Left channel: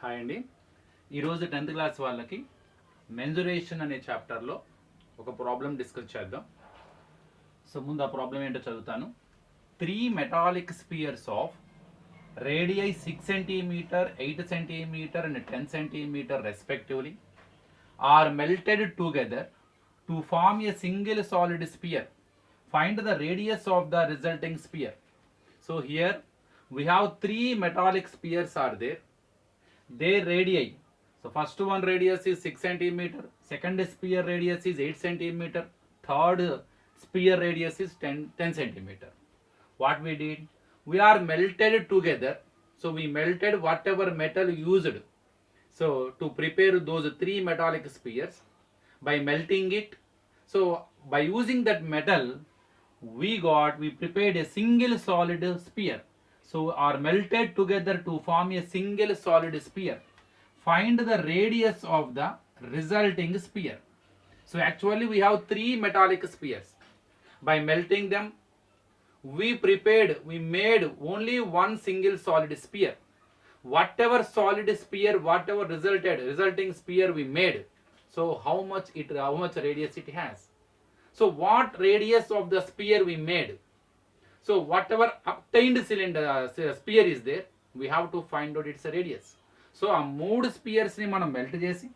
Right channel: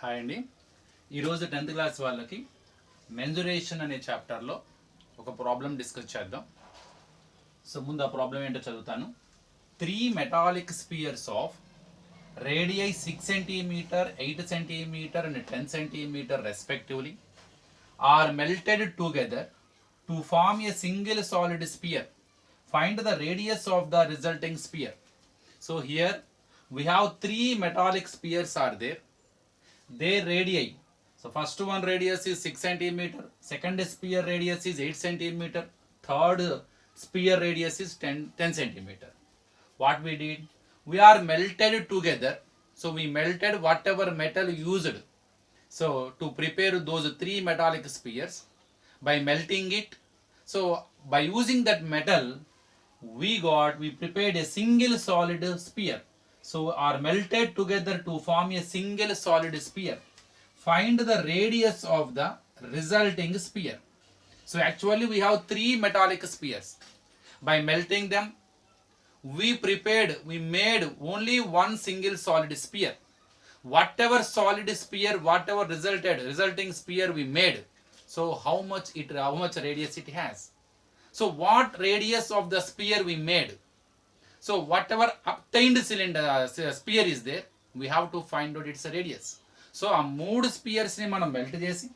హాయ్ అండి. ఈరోజు 10th class వాళ్ళకి మెన్జురేషన్ అనే చాప్టర్లో ఒక ప్రాబ్లం డిస్కస్ చేద్దాం. సో ముందు ఆ ప్రాబ్లం ఏంటో చదువుతాను. 3 metallic spheres of radii 6 cm, 8 cm and 10 cm respectively are melted together to form a single solid sphere. Find the radius of the resulting sphere. So here we have 3 metallic spheres are there. Their radii. So first one radius is 6 cm, second sphere radius is 8 cm, third sphere radius is 10 cm. What we did? We are melted together. So we melted whatever metal used. So to prepare those 3 metallic spheres by melting it. So by using that metal, we prepared a single solid sphere. So are melted together to form a single solid sphere. Find the radius of the resulting sphere. So actually we have 3 metallic spheres. By melting them, we made only one single solid sphere. Whatever solid sphere, whatever resulting sphere we made, so how much radius it has. So what radius of the sphere we made? So whatever obtained sphere is there, we have to find out its radius. So ఆ 3 స్పియర్స్ని మనం మెల్ట్ చేసి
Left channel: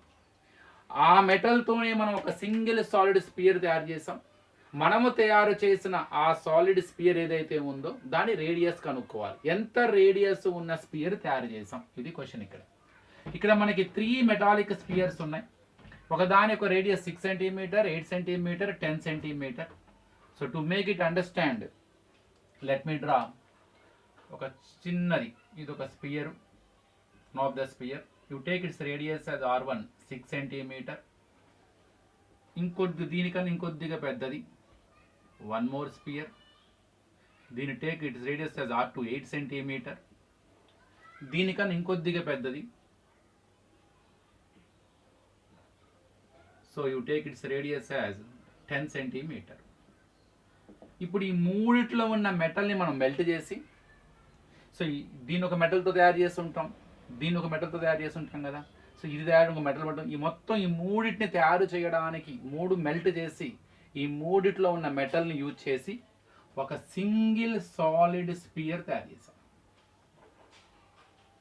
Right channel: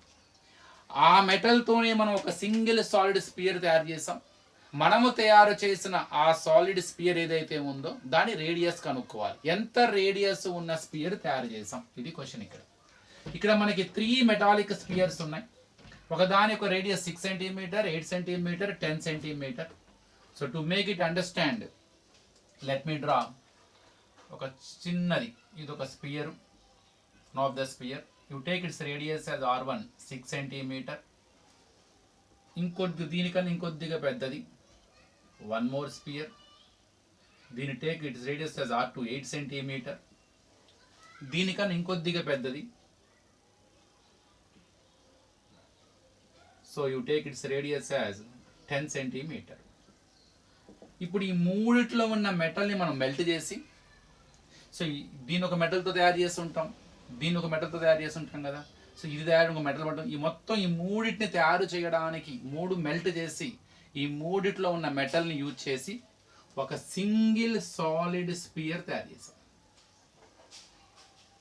ఆ మెటల్తోనే మనం ఒక single solid spear తయారు చేసాం. మనము తయారు చేసిన ఆ సాలిడ్ స్పియర్ ఏదైతే ఉందో దాని రేడియస్ కనుక్కోవాలి. ఎంత రేడియస్ ఉన్న స్పియర్ తయారు చేసాం, ఇది క్వశ్చన్. ఇక్కడ మనకి 3 మెటాలిక్ స్పియర్స్ ఉన్నాయి. ఒకదాని ఒక రేడియస్ 6 cm, 8 cm, 10 cm. So to make it understand, let me draw ఒక చిన్నది. ఇది ఒక spear of the spear. You take its radius as r1 6 cm. దీనికన్నా ఇంకొద్దిగా పెద్దది, వన్ మోర్ స్పియర్. దీని take its radius as r2 8 cm. దీనికన్నా ఇంకొద్దిగా పెద్దది. So you take its radius as 10 cm. ఇప్పుడు ఈ మూడిట్లో ఉన్న మెటల్ని మనం మెల్ట్ చేసి, సో దీని ఒక మెటల్తో తయారు చేసి ఉంటాం, దీన్ని ఒక మెటల్తో తయారు చేసి ఉంటాం కదా. సో ఇది తయారు ఒక మెటల్ పడటం, ఈ మొత్తం ఈ మూడింటిని తయారు చేయడానికి 3 మెల్ట్ చేసి ఈ మూడిట్లో ఉన్న మెటల్ని యూజ్ చేసి ఒక సింగిల్ సాలిడ్ స్పియర్ తయారు చేసాం.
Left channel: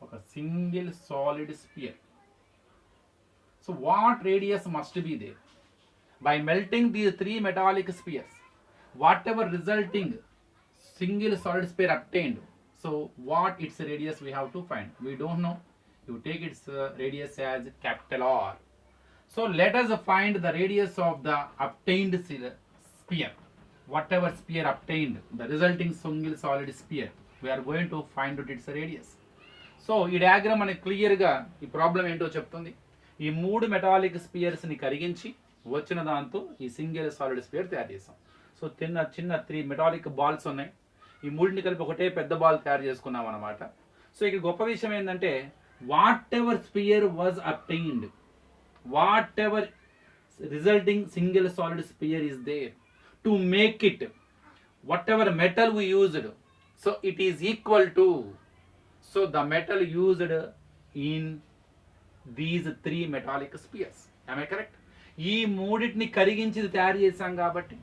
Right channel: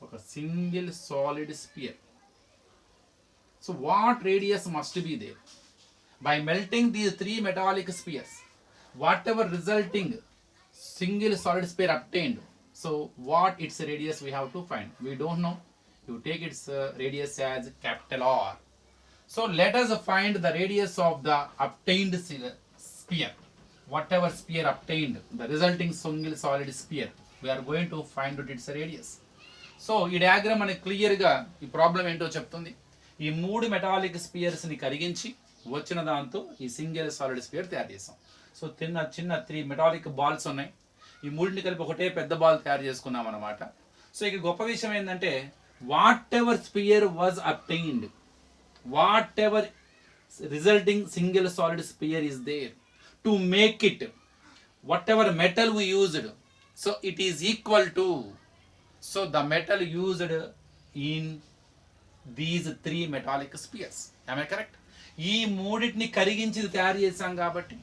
ఒక single solid sphere. So what radius must be there? By melting these 3 metallic spheres, whatever resulting single solid sphere obtained, so what its radius we have to find. We don't know. You take its radius as capital R. So let us find the radius of the obtained sphere. Whatever sphere obtained, the resulting single solid sphere, we are going to find out its radius. So ఈ డయాగ్రామ్ మనకి క్లియర్గా ఈ ప్రాబ్లం ఏంటో చెప్తుంది. ఈ 3 మెటాలిక్ స్పియర్స్ని కరిగించి వచ్చిన దాంతో ఈ సింగిల్ సాలిడ్ స్పియర్ తయారు చేసాం. సో చిన్న 3 మెటాలిక్ బాల్స్ ఉన్నాయి. ఈ మూడింటిని కలిపి ఒకటే పెద్ద బాల్ తయారు చేసుకున్నాం అనమాట. సో ఇక్కడ గొప్ప విషయం ఏంటంటే, whatever sphere was obtained, whatever resulting single solid sphere is there, to make it whatever metal we used, so it is equal to, so the metal used in these 3 metallic spheres. ఆమె correct? ఈ మూడింటిని కరిగించి తయారు చేశాం కాబట్టి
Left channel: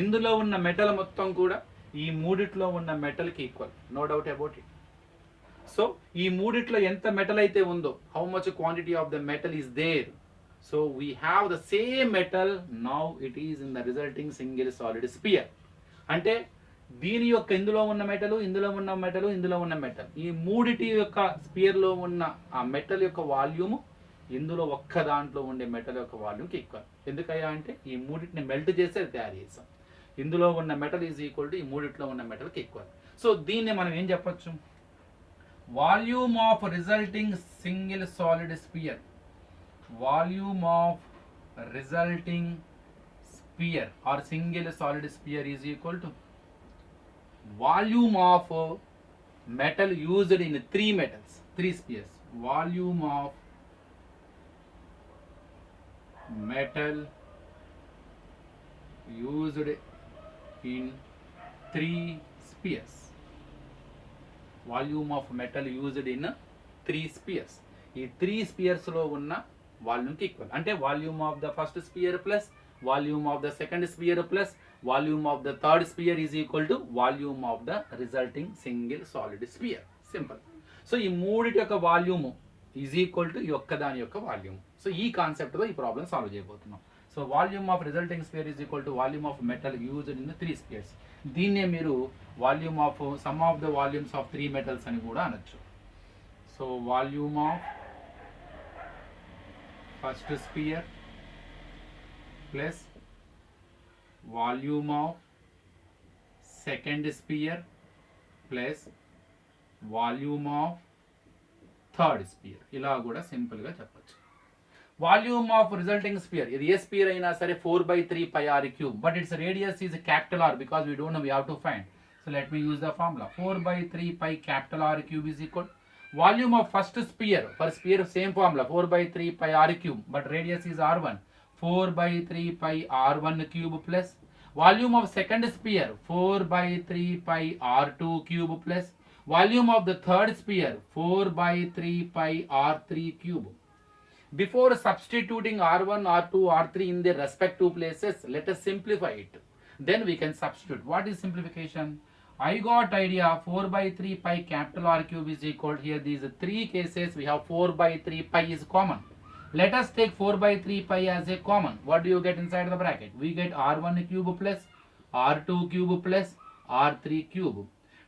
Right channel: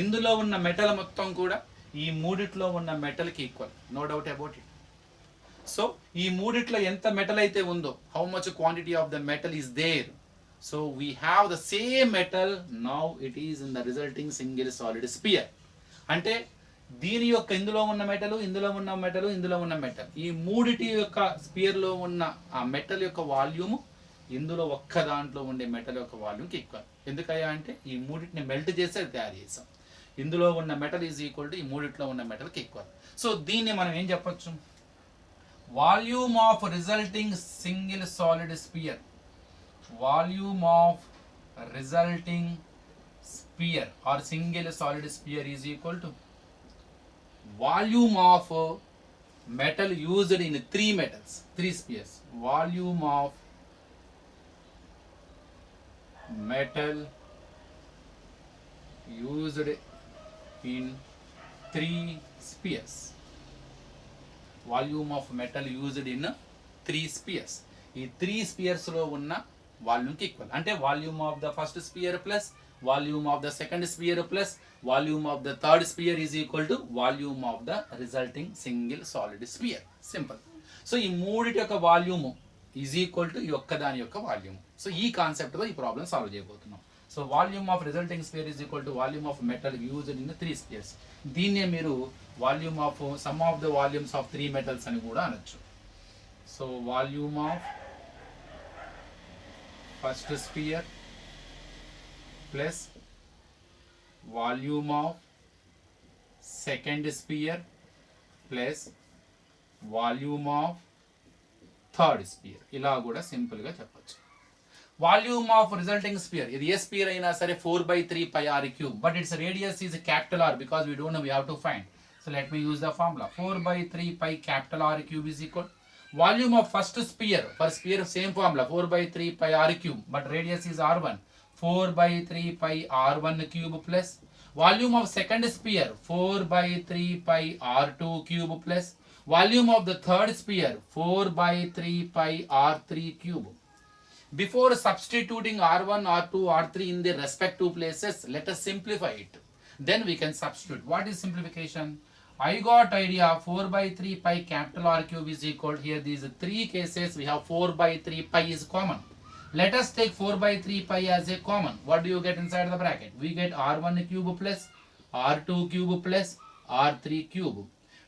ఇందులో ఉన్న మెటల్ మొత్తం కూడా ఈ మూడిట్లో ఉన్న మెటల్కి equal, no doubt about it. So ఈ మూడిట్లో ఎంత మెటల్ అయితే ఉందో, how much quantity of the metal is there, so we have the same metal, now it is in the resulting single solid sphere. అంటే దీని యొక్క ఇందులో ఉన్న మెటల్, ఇందులో ఉన్న మెటల్, ఇందులో ఉన్న మెటల్, ఈ మూడిటి యొక్క స్పియర్లో ఉన్న ఆ మెటల్ యొక్క వాల్యూము ఇందులో ఒక్క దాంట్లో ఉండే మెటల్ యొక్క వాల్యూమ్కి ఈక్వల్. ఎందుకయ్యా అంటే ఈ మూడింటిని మెల్ట్ చేసి అది తయారు చేసాం. ఇందులో ఉన్న మెటల్ ఈజ్ ఈక్వల్ టు ఈ మూడిట్లో ఉన్న మెటల్కి ఈక్వల్. సో దీన్ని మనం ఏం చెప్పొచ్చు? Volume of resulting single solid sphere, volume of resulting sphere or single solid sphere is equal to volume of metal used in 3 metals, 3 spheres. Volume of metal used in 3 spheres. Volume of metal used in 3 spheres. ఈ 3 స్పియర్స్లో ఉన్న వాల్యూమ్కి equal. అంటే volume of the first sphere plus volume of the second sphere plus volume of the third sphere is equal to volume of the resulting single solid sphere. Simple. So ఈ మూడిటి యొక్క volume is equal to ఈ ఒక్కదాని యొక్క volume. So ఈ కాన్సెప్ట్తో ఈ problem solve చేయబోతున్నాం. So volume of resulting sphere is equal to volume of metal used in 3 spheres. దీన్నే మీరు volume of sum of the volumes of 3 metals అని కూడా అనొచ్చు. So volume of first sphere plus volume of second sphere plus volume of third sphere. ఇలా కూడా సింపుల్గా చెప్పచ్చు. Volume of resulting spear, ఇది ఏ స్పియర్ అయినా సరే 4/3 pi r cube, but its radius is capital R because we don't know, we have to find. So let me use the formula. 4/3 pi capital R cube is equal volume of first sphere. For sphere same formula, 4/3 pi r cube, but radius is r1. 4/3 pi r1 cube plus volume of second sphere 4/3 pi r2 cube plus volume of the third sphere 4/3 pi r3 cube. Before substituting r1, r2, r3 in their respective places, let us simplify it. Then we can substitute. What is simplification? I got idea. 4/3 pi capital R cube is equal, here these 3 cases we have 4/3 pi is common. Let us take 4/3 pi as a common. What do you get inside the bracket? We get r1 cube plus r2 cube plus r3 cube.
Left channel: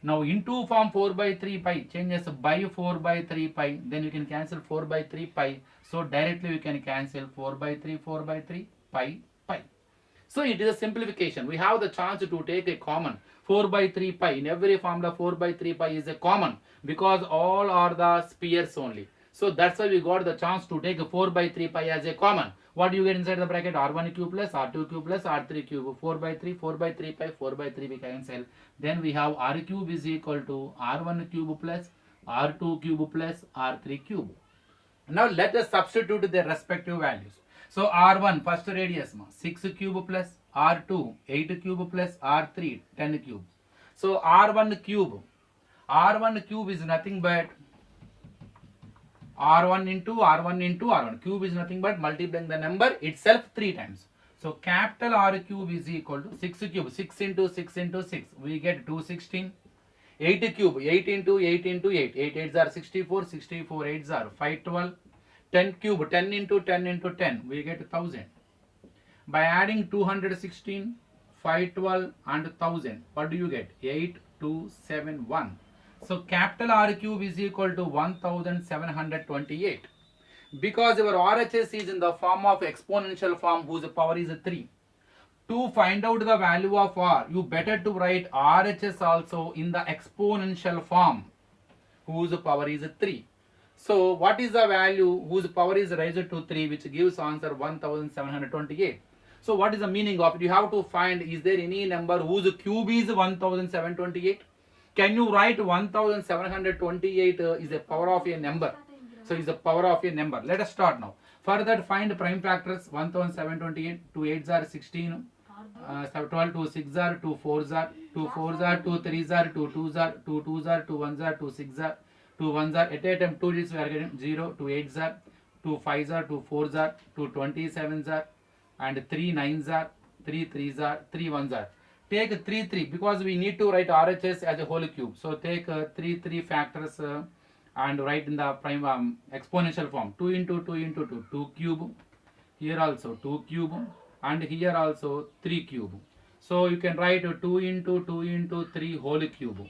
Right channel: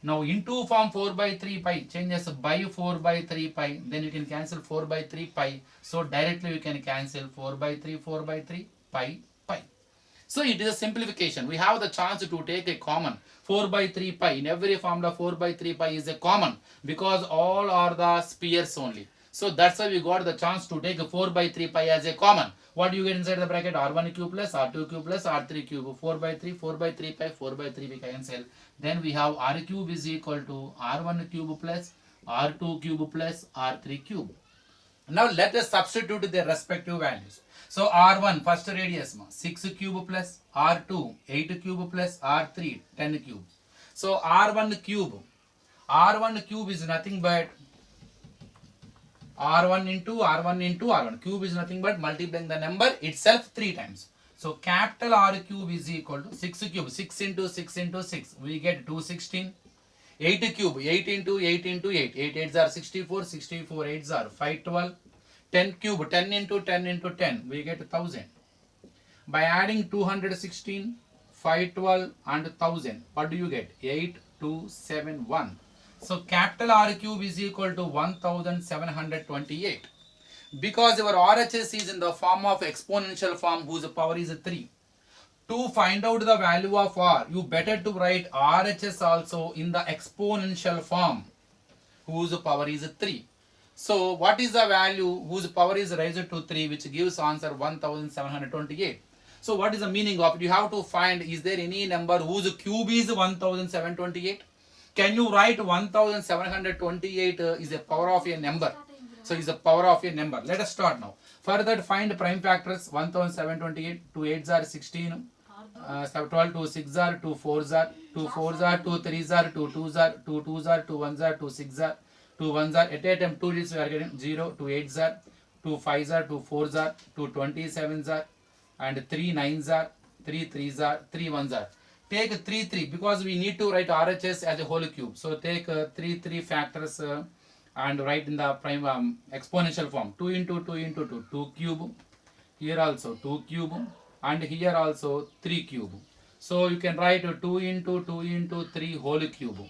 Now into form 4/3 pi changes by 4/3 pi, then you can cancel 4/3 pi. So directly we can cancel 4/3 pi pi. So it is a simplification. We have the chance to take a common 4/3 pi. In every formula 4/3 pi is a common because all are the spheres only. So that's why we got the chance to take 4/3 pi as a common. What do you get inside the bracket? R1 cube plus R2 cube plus R3 cube. 4/3 pi, 4/3 we cancel. Then we have R cube is equal to R1 cube plus R2 cube plus R3 cube. Now let us substitute their respective values. So R1 first radius 6 cube plus R2 8 cube plus R3 10 cube. So R1 cube is nothing but R1 into R1 into R1. Cube is nothing but multiplying the number itself 3 times. So capital R cube is equal to 6 cube. 6 into 6 into 6. We get 216. 8 cube. 8 into 8 into 8. 8 8s are 64. 64 8s are 512. 10 cube. 10 into 10 into 10. We get 1000. By adding 216, 512 and 1000. What do you get? 8271. So capital R cube is equal to 1728. Because our RHS is in the form of exponential form whose power is 3. To find out the value of R, you better to write RHS also in the exponential form whose power is 3. So what is the value whose power is raised to 3, which gives answer 1728. So what is the meaning of it? You have to find, is there any number whose cube is 1728? Can you write 1728 is a power of a number? So is the power of a number. Let us start now. For that, find prime factors. 1728, 2 8s are 16, 12, 2 6s are 2 4s are 2 4s are 2 3s are 2 2s are 2 2s are 2 1s are 2 6s are 2 1s are. At a time 2 digits we are getting 0, 2 8s are 2 5s are 2 4s are 2 27s are and 3 9s are 3 3s are 3 1s are. Take 3 3 because we need to write RHS as a whole cube. So take 3 3 factors and write in the prime exponential form. 2 into 2 into 2, 2 cube. Here also 2 cube and here also 3 cube. So you can write 2 into 2 into 3 whole cube.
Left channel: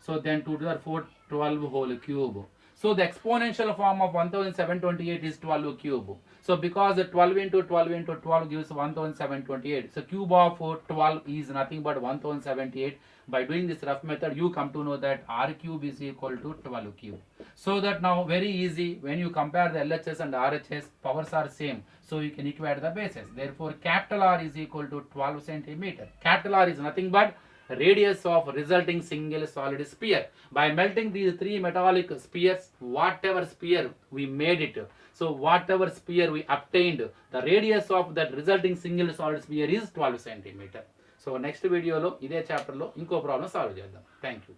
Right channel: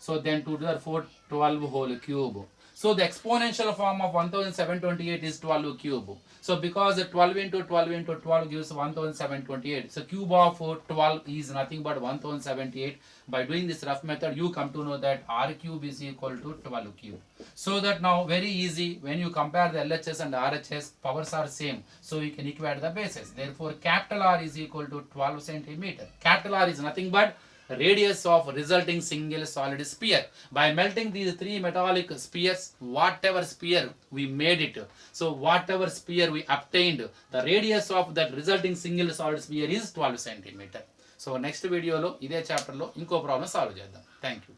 So then 2 to the 4, 12 whole cube. So the exponential form of 1728 is 12 cube. So because 12 into 12 into 12 gives 1728. So cube of 12 is nothing but 1728. By doing this rough method, you come to know that R cube is equal to 12 cube. So that now very easy, when you compare the LHS and RHS, powers are same. So you can equate the bases. Therefore, capital R is equal to 12 centimeter. Capital R is nothing but radius of resulting single solid sphere. By melting these 3 metallic spheres, whatever sphere we made it, so whatever sphere we obtained, the radius of that resulting single solid sphere is 12 centimeter. So next video lo ide chapter lo inko problem solve cheddam. Thank you.